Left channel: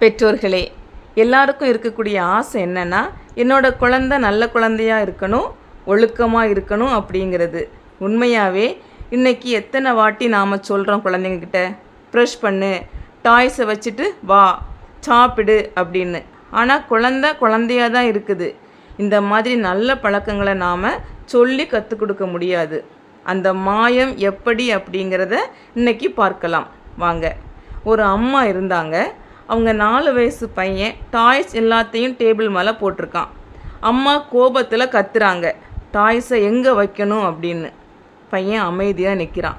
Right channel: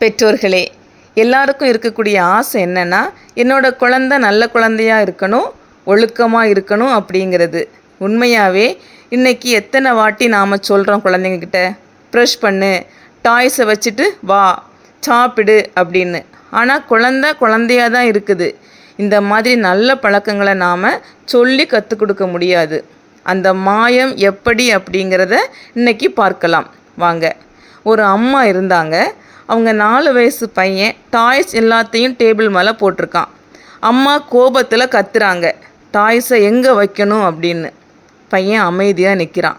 பெற்றோர்களே எல்லாருக்கும் இருக்கக்கூடிய ஆசை என்னென்னா என்னோடய குழந்த நல்ல குழந்தையாக இருக்கணும் ஒழுக்கமாக இருக்கணும் அப்படிங்கிறது. உண்மையாகவே இன்றைக்கி எத்தனை வாட்டி நாம் சொல்கிறோம் குழந்தைங்கக்கிட்ட ப்ரெஷ் பண்ணு டாய்ஸை வச்சுட்டு வா சாப்பிடு அப்படின்னு. ஆனால் குழந்த குழந்தையாக தான் இருக்குது. இந்த மாதிரி நல்ல பழக்கங்களை நாம் சொல்லி கற்றுக் கொடுக்க முடியாது. அந்த மாயம் எப்படி அப்படிங்கிறத இன்றைக்கி பார்க்கலாம். வாங்க. ஒரு அம்மா இருந்தாங்க. அவங்க நாலு வயசு பையன் டாய்ஸ் எல்லாத்தையும் டேபிள் மேலே போட்டிருக்கான். அம்மா கோபத்தில் கத்துறாங்க டாய்ஸை எங்கே வைக்கணும் அப்படின்னு. பையன் அமைதியாக நிற்கிறான்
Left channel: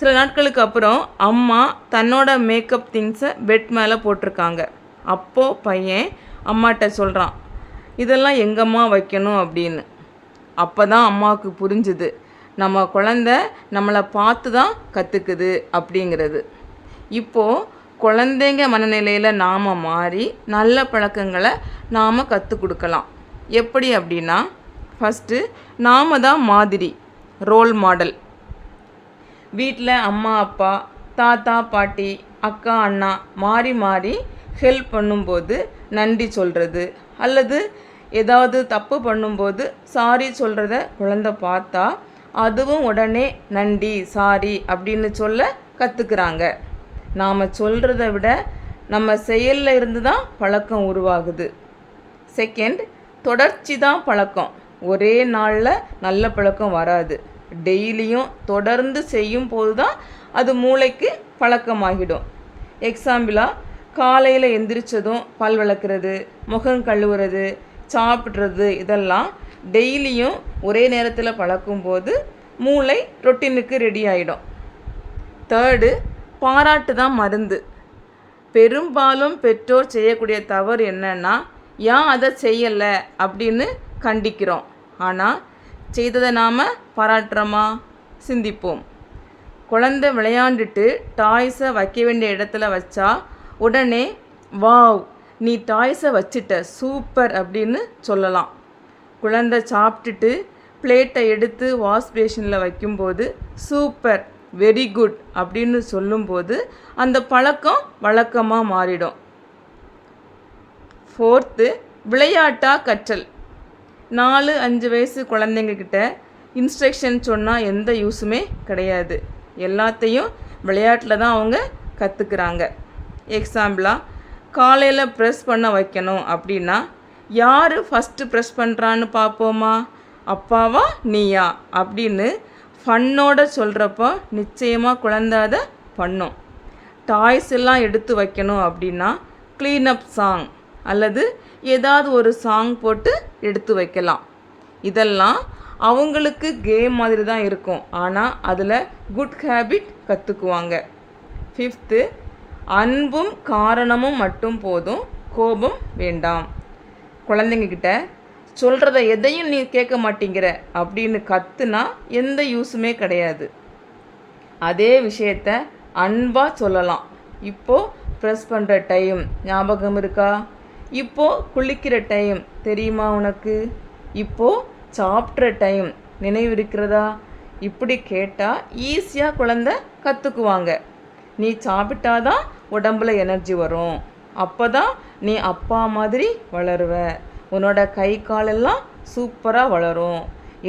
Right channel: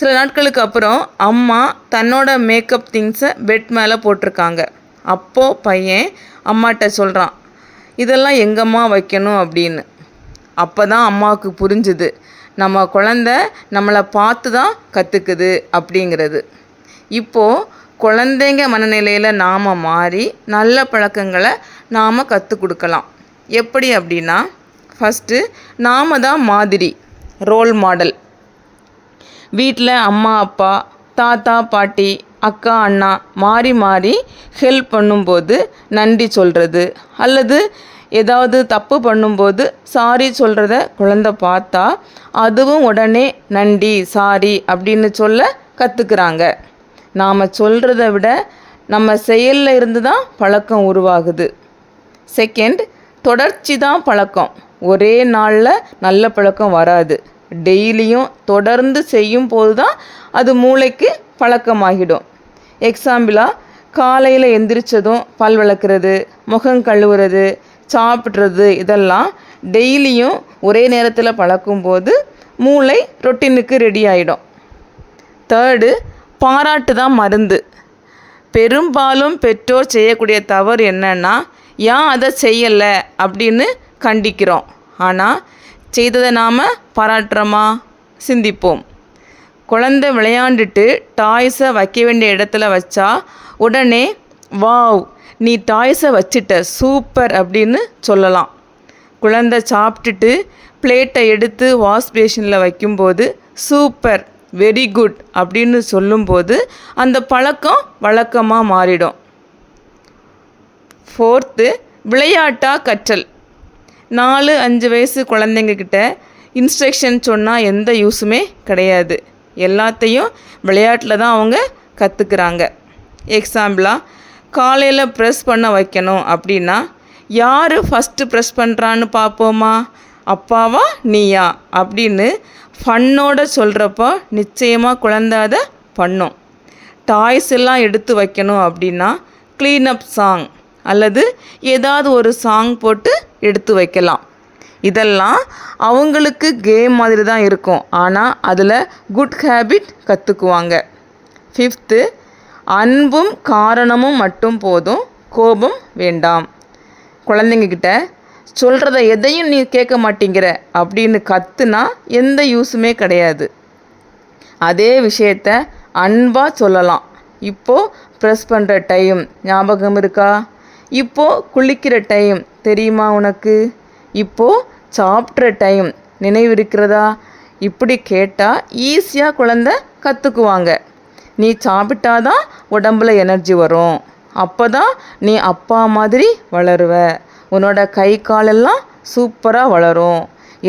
சில நாட்களுக்கு அப்புறம் அம்மா தன்னோட மேக்கப் திங்ஸை பெட் மேலே போட்டிருக்காங்க. அப்போது பையன் அம்மாட்ட சொல்கிறான் இதெல்லாம் எங்கம்மா வைக்கணும்? அப்படின்னு. அப்போ தான் அம்மாவுக்கு புரிஞ்சுது நம்ம குழந்த நம்மளை பார்த்து தான் கற்றுக்குது அப்படிங்கிறது. இப்போது குழந்தைங்க மனநிலையில் நாம் மாறி நல்ல பழக்கங்களை நாம் கற்றுக் கொடுக்கலாம். எப்படி அப்படின்னா ஃபஸ்ட்டு நாம் தான் மாதிரி ரோல் மாடல் வீட்டில் அம்மா அப்பா தாத்தா பாட்டி அக்கா அண்ணா மாறி மாறி ஹெல்ப் பண்ணும்போது நன்றி சொல்கிறது அல்லது ஏதாவது தப்பு பண்ணும்போது சாரி சொல்கிறத குழந்த பார்த்தா அதுவும் உடனே நன்றி சாரி அப்படின்னு சொல்ல கற்றுக்குறாங்க நாம் சொல்கிறத விட நம்ம செயலில் இருந்து தான் பழக்கம் உருவாகுது. செகண்ட் தொடர்ச்சி தான் பழக்கம். ஒரே நாளில் நல்ல பழக்கம் வராது. டெய்லியும் தொடர்ந்து செய்யும் போது தான் அது மூளைக்கு பழக்கமாகிடும். எக்ஸாம்பிளாக காலையில் எந்திரிச்சதும் பல் விளக்குறது முகம் கழுவுறது சாப்பிட்றது இதெல்லாம் டெய்லியும் ஒரே நேரத்தில் பழக்கும்போது மூளை ரொட்டீனுக்கு ரெடி ஆகிடும் தேர்டு பாராட்டு தான் மருந்து. பெரும்பாலும் பெற்றோர் செய்யக்கூடிய தவறு என்னன்னா ஏன் அதை செய்யலை? அப்படின்னு கண்டிக்கிறோம். ஆனால் செய்ததை நாம் பாராட்டுறோமா? சிந்திப்போம். குழந்தை விளையாண்டுட்டு டாய்ஸை வைக்க வேண்டிய இடத்துல வச்சா உடனே வாவ் நீ டாய்ஸை வச்சிட்ட சூப்பர் அப்படின்னு சொல்லலாம். குழந்தை சாப்பிட்டுட்டு பிளேட்டை எடுத்து வாஷ் பேஷனில் வைக்கும்போது சூப்பர் வெரி குட் அப்படின்னு சொல்லும்போது அந்த பழக்கம் வழக்கமாக மாறிடும். ஃபோர்த்து விளையாட்டாக கற்றல். நாலு அஞ்சு வயசு குழந்தைங்கக்கிட்ட இன்ஸ்ட்ரக்ஷன் சொன்னால் எந்த யூஸுமே கிடையாது. எல்லாத்தையும் விளையாட்டில் தான் அவங்க கற்றுக்குறாங்க எக்ஸாம்பிளாக காலையில் ப்ரெஸ் பண்ண வைக்கணும் அப்படின்னா யார் ஃபஸ்ட்டு ப்ரெஸ் பண்ணுறான்னு பார்ப்போமா? அப்பாவா நீயா? அப்படின்னு ஃபன்னோட சொல்கிறப்போ நிச்சயமாக குழந்த அதை பண்ணும். டாய்ஸ் எல்லாம் எடுத்து வைக்கணும் அப்படின்னா க்ளீனப் சாங் அல்லது ஏதாவது ஒரு சாங் போட்டு எடுத்து வைக்கலாம். இதெல்லாம் அவங்களுக்கு கேம் மாதிரி தான் இருக்கும். ஆனால் அதில் குட் ஹேபிட் கற்றுக்குவாங்க ஃபிஃப்த்து அன்பும் காரணமும் மட்டும் போதும் கோபம் வேண்டாம். குழந்தைங்கக்கிட்ட சொல்கிறத எதையும் நீ கேட்க மாட்டேங்கிற அப்படின்னு கத்துனா எந்த யூஸுமே கிடையாது. அதே விஷயத்த அன்பாக சொல்லலாம். இப்போது ப்ரெஸ் பண்ணுற டைம் ஞாபகம் இருக்கா? இப்போது குளிக்கிற டைம் தெரியுமா உனக்கு? இப்போது சாப்பிட்ற டைம் நினைவு இருக்கிறதா? இப்படி கேட்டால் ஈஸியாக குழந்த கற்றுக்குவாங்க நீ சாப்பிட்டாதான் உடம்புல எனர்ஜி வரும். அப்போ தான் நீ அப்பா மாதிரி வளருவ. உன்னோட கை காலெல்லாம் சூப்பராக வளரும்.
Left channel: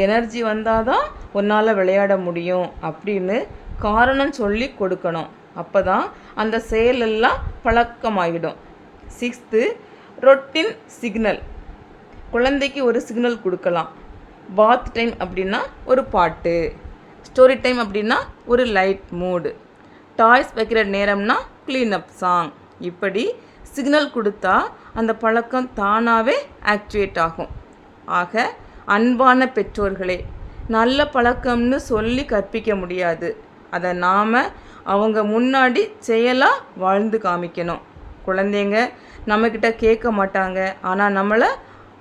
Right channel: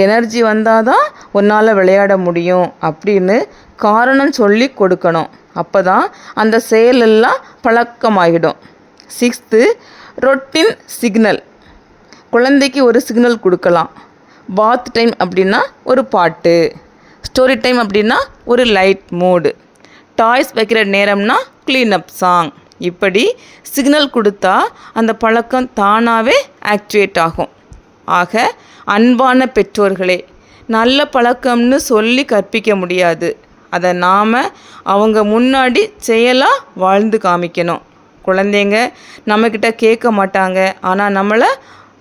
எனர்ஜி வந்தால் தான் உன்னால் விளையாட முடியும் அப்படின்னு காரணம் சொல்லி கொடுக்கணும். அப்போ தான் அந்த செயலெல்லாம் பழக்கமாகிடும் சிக்ஸ்த்து ரொட்டின் சிக்னல். குழந்தைக்கு ஒரு சிக்னல் கொடுக்கலாம். பாத் டைம் அப்படின்னா ஒரு பாட்டு. ஸ்டோரி டைம் அப்படின்னா ஒரு லைட் மூடு. டாய்ஸ் வைக்கிற நேரம்னா க்ளீனப் சாங் இப்படி சிக்னல் கொடுத்தா அந்த பழக்கம் தானாகவே ஆக்டிவேட் ஆகும். ஆக அன்பான பெற்றோர்களே நல்ல பழக்கம்னு சொல்லி கற்பிக்க முடியாது. அதை நாம் அவங்க முன்னாடி செயலாக வாழ்ந்து காமிக்கணும். குழந்தைங்க நம்மக்கிட்ட கேட்க மாட்டாங்க. ஆனால் நம்மளை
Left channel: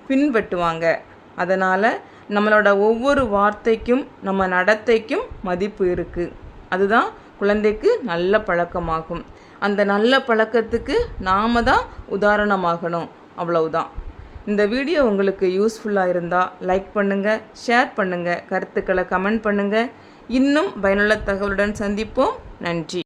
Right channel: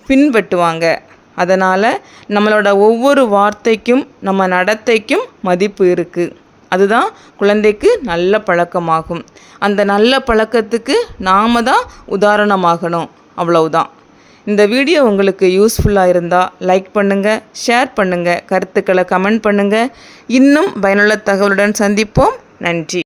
பின்பற்றுவாங்க. அதனால் நம்மளோட ஒவ்வொரு வார்த்தைக்கும் நம்ம நடத்தைக்கும் மதிப்பு இருக்குது அதுதான் குழந்தைக்கு நல்ல பழக்கமாகும். அந்த நல்ல பழக்கத்துக்கு நாம் தான் உதாரணமாகணும். அவ்வளவுதான். இந்த வீடியோ உங்களுக்கு யூஸ்ஃபுல்லாக இருந்தால் லைக் பண்ணுங்கள் ஷேர் பண்ணுங்கள் கருத்துக்களை கமெண்ட் பண்ணுங்கள் இன்னும் பயனுள்ள தகவலுடன் சந்திப்போம். நன்றி.